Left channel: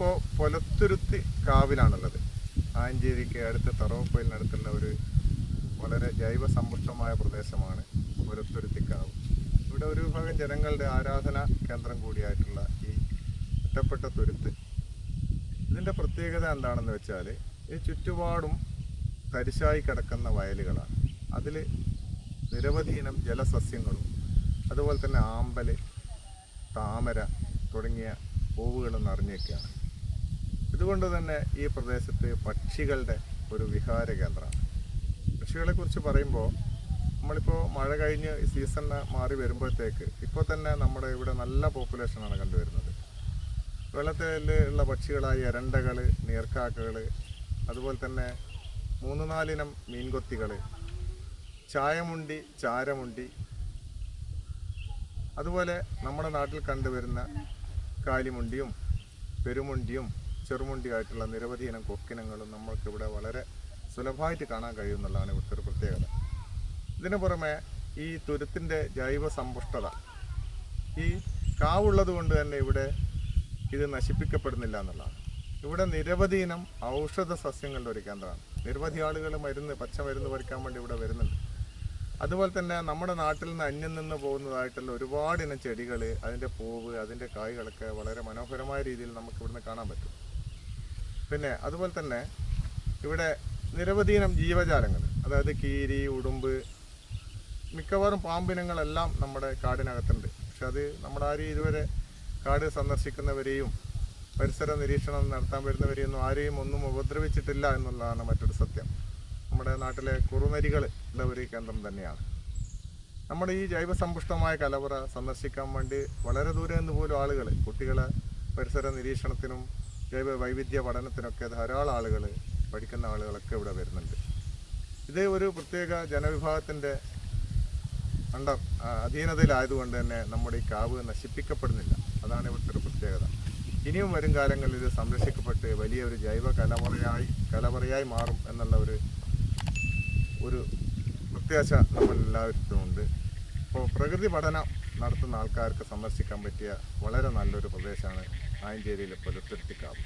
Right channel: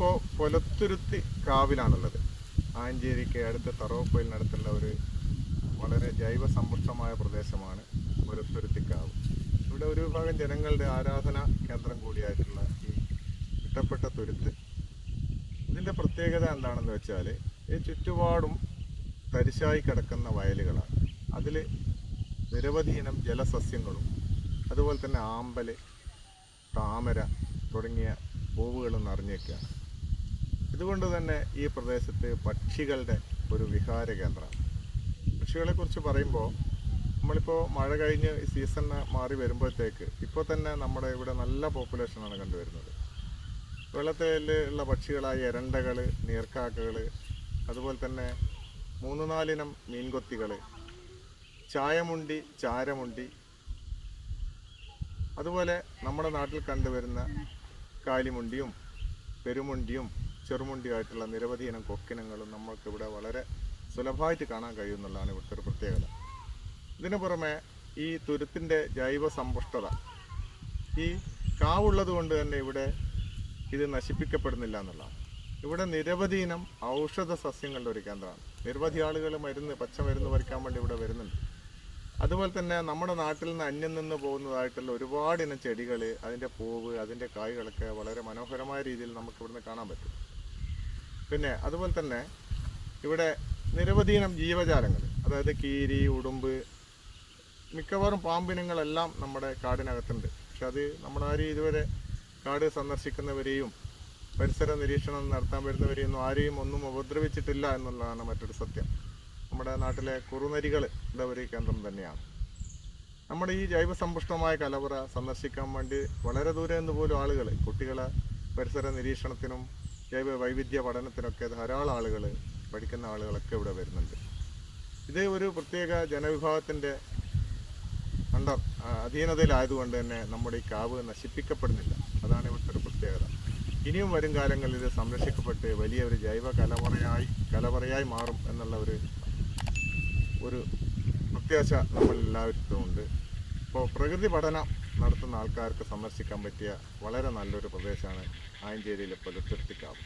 നമ്മളിപ്പോൾ പൊലത്തുരുത്തി കാവിലാണുള്ളത്. ആയഞ്ചേരിക്ക് അടുത്ത് തറവപ്പൊയിലിനടുത്തുള്ള ഒരു വളരെ ജൈവ സമ്പുഷ്ടമായ പ്രദേശമാണ് പൊലത്തുരുത്തിക്കാവ്. ഇവിടെ ഒരു വിഭാഗം ജനങ്ങളുടെ ആരാധനാ കേന്ദ്രം കൂടിയായിട്ടുള്ള ഈ ഇഷ്ടപ്പെട്ട തുരുത്ത്. ഇതിൻ്റെ പ്രത്യേകത എന്താണെന്ന് വെച്ചാൽ ഈ ചുറ്റുപാടും തരിശായി കിടക്കുന്ന വയലുകളാണ്. അതിൽ നിരവധി ഇനം ജലസസ്യങ്ങളും അതുപോലെ തന്നെ ആമ്പൽ, താമര തുടങ്ങിയ പൂവുകളും നിറഞ്ഞേക്കുകയാണ്. ഇതുകൊണ്ട് തന്നെ ഈ പ്രദേശത്ത് പക്ഷികളുടെ ഒരു വിഹാര കേന്ദ്രമാണ്. പക്ഷികളെക്കുറിച്ച് പറയുമ്പോൾ നമ്മളിപ്പോൾ മഴ കഴിഞ്ഞ് സീസൺ മാറി വരുമ്പോഴത്തേക്ക് ഇപ്പോൾ തന്നെ നമ്മുടെ ഇവിടെ നല്ല പോപ്പുലേഷനാണ് കണ്ടുവരുന്നത്. വെള്ളത്തിലുള്ള പക്ഷികളായ എരണ്ടകൾ, നീർക്കാക്കകൾ, അതുപോലെ തന്നെ 3-4 ഇനം മീൻകൊത്തികൾ, ചായമുണ്ടി, ചാരമുണ്ടി, അതുപോലെ നമ്മുടെ നാട്ടിൽ കണ്ടുവരുന്ന കാലിമുണ്ടിയും പെരുമുണ്ടിയും ചെറുമുണ്ടിയായിട്ടുള്ള നിരവധി ഇനം കൊക്കിനങ്ങളും നമ്മൾക്കിവിടെ വളരെ സുലഭമായിട്ട് കാണാൻ കഴിയുമെന്നുള്ളതാണ് ഇവിടുത്തെ ഒരു പ്രത്യേകത. ഇതിനു പുറമെ ഈ തുരുത്തിൻ്റെ ജൈവ സമ്പുഷ്ടത, ഈ കാവുള്ളത് കൊണ്ട് തന്നെ ഇവിടെ ഇത് നശിപ്പിക്കപ്പെടുന്നില്ല എന്നുള്ളതാണ്. ഇവിടെ നിരവധി ഇനം ഔഷധ സസ്യങ്ങളുടെ ഒരു കേന്ദ്രമാണ്. നിരവധി ആളുകൾ പച്ചമരുന്ന് പറിക്കാൻ വേണ്ടി ഇവിടെ വരുന്നുണ്ട്. അതുപോലെ തന്നെ നമ്മുടെ നാട്ടിൽ നിന്ന് അന്യം നിന്ന് പോകുന്നതായിട്ടുള്ള ഒരുപാട് ഇനം ചെടികൾ, അതിൻ്റെ പൂവ്, അതിൻ്റെ കായ്കളൊക്കെ വളരെ മനോഹരമായ രീതിയിൽ നമുക്ക് ഇവിടുന്ന് കാണാൻ പറ്റും. പിന്നെ അതുപോലെ തന്നെ ഇവിടെ നിരവധി ഇനം ജീവജാലങ്ങൾ, അതായത് കീരി, ഉടുമ്പ്, മിക്കവാറും പാമ്പിനങ്ങളെല്ലാം നമ്മുടെ കാടിനകത്തുണ്ട്. പക്ഷെ അത് നമ്മളാരും ഇതുവരെ കാട് സന്ദർശിക്കുന്നവരെയും പരിസര നിരീക്ഷണം നടത്താൻ വരുന്നവരെയൊന്നും ആരെയും ഒന്നും ഉപദ്രവിച്ചിട്ടില്ല എന്നുള്ളതാണ് മറ്റൊരു സത്യം. നമ്മുടെ നാട്ടിലെ കുറുനരികളുടെ ഒരു കേന്ദ്രം തന്നെയാണ്. നമ്മുടെ ഈ ജൈവസമ്പുഷ്ടമായ കലവറ സന്ദർശിക്കാൻ വേണ്ടി വളരെ ദൂരെ നിന്ന് പോലും ആളുകൾ, കുട്ടികളെ പരിസര നിരീക്ഷണത്തിനും ജൈവ വൈവിധ്യ പഠനത്തിനൊക്കെ ധാരാളം ആളുകൾ, പഠിക്കുന്ന ആളുകളൊക്കെ ഇവിടെ വരുന്നുണ്ട്. ഇത് ഒരു പ്രത്യേക ജനവിഭാഗത്തിൻ്റെ അധീനതയിലായതുകൊണ്ട് തന്നെ നമ്മുടെ ഈ കാവ് നശിപ്പിക്കപ്പെടുന്നില്ല. അതാണ് ഇവിടുത്തെ ഒരു പ്രത്യേകത. ഇനിയും വരും കാലങ്ങളിൽ ഇത് സംരക്ഷിക്കപ്പെട്ട് വലിയൊരു ജൈവ കലവറയായി മാറും എന്നുള്ള ഒരു പ്രത്യാശ നമ്മളെല്ലാവർക്കും ഉണ്ട്. അപ്പോൾ പ്രകൃതി പഠനം നടത്തുന്ന ആൾക്കാർക്ക് സന്ദർശിക്കാൻ പറ്റിയ വളരെ നല്ലൊരു പ്രദേശമാണ് ആയഞ്ചേരിയിലെ പൊലത്തുരുത്തിക്കാവ്.